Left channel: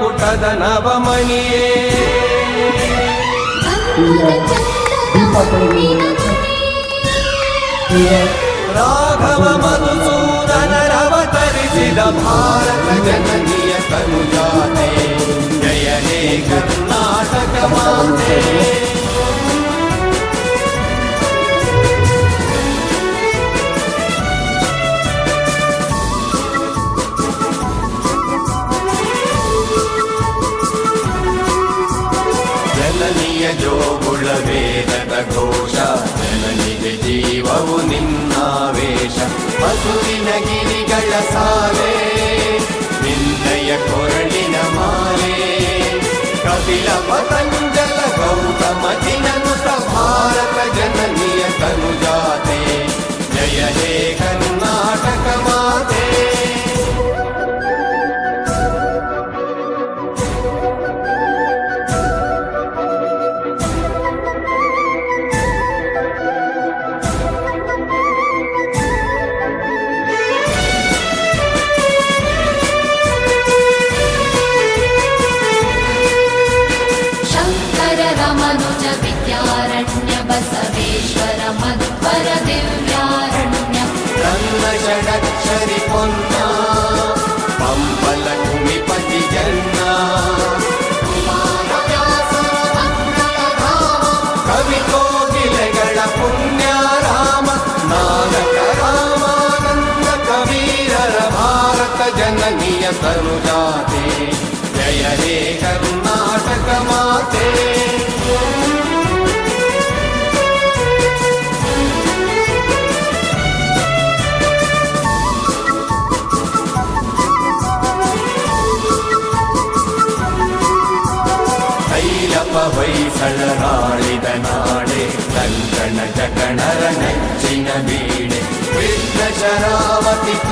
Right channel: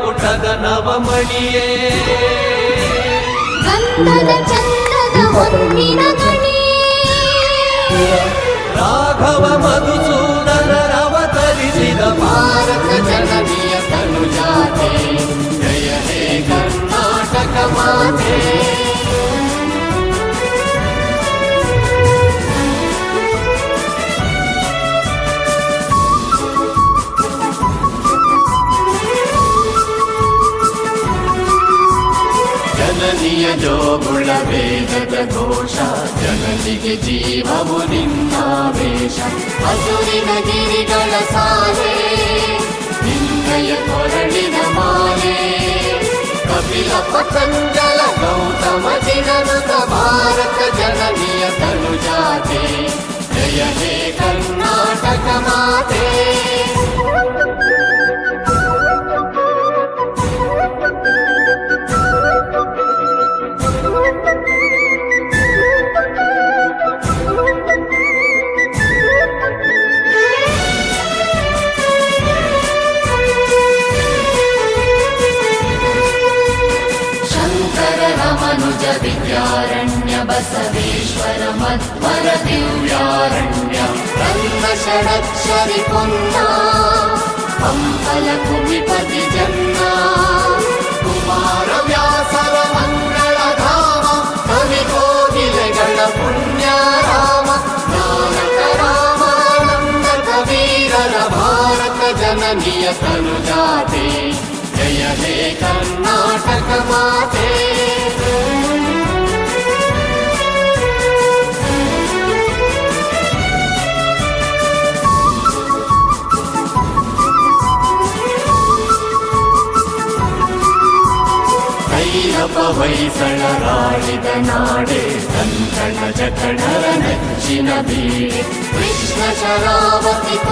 ಕುಟದ ನವಮಣಿಯೇ ರಾಘವ ಮಧುಸೂದನರವತರಿಸಿದ ಮಾರಕ ಜನನಿಯ ಕಲ್ಯಾಣೇ रामानुज विद्यारण्य बसवेश्वर मध्वर दिव्यारण्य ब्रह्म षडक्षरि पुण्या पम्पल कुटिपति ಭೈರವ ಹೊಯ್ಸಳರಾಳಿದ ನಾಡೆ ಕನ್ನಡ ಜಗಳರ ನಚ್ಚಿನ ಬೀಡೆ ಕೃಷ್ಣ ಶರಾವತಿ ತುಂಗ